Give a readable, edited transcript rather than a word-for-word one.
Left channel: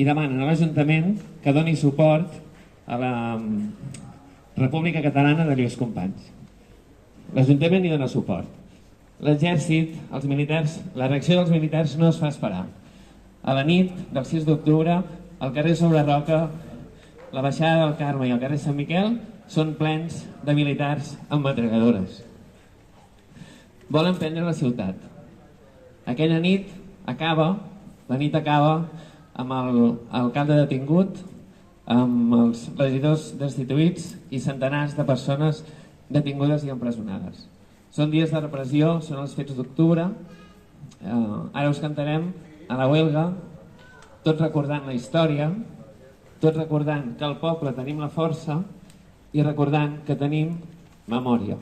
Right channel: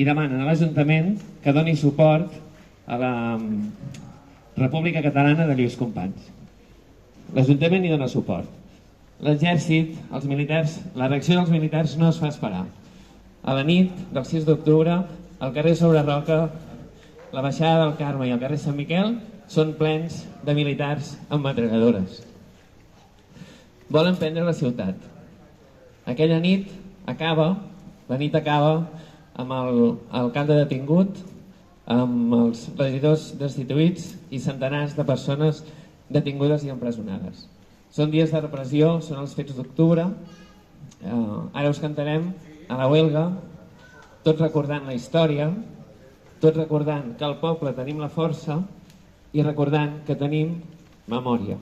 i demanen a l'Ajuntament que doni suport a la República Catalana de Lluís Companys. L'Ajuntament hi dona suport. L'exèrcit, els militars, la reacció dels militars no es fa esperar. A la nit del 6 d'octubre, al carrer Sobre Roca, la baixada del Carme i el carrer Sant Miquel són plens de militars amb metralladores. Volen prendre la ciutat. Aquella nit acaba amb l'alcalde detingut, amb els regidors destituïts i centenars de persones detingudes i empresonades. Són dies de repressió, són els fets d'octubre. Ara us cantarem a la huelga, tots recordant la història, tots recordant que al poble tenim la força i recordant que tenim memòria.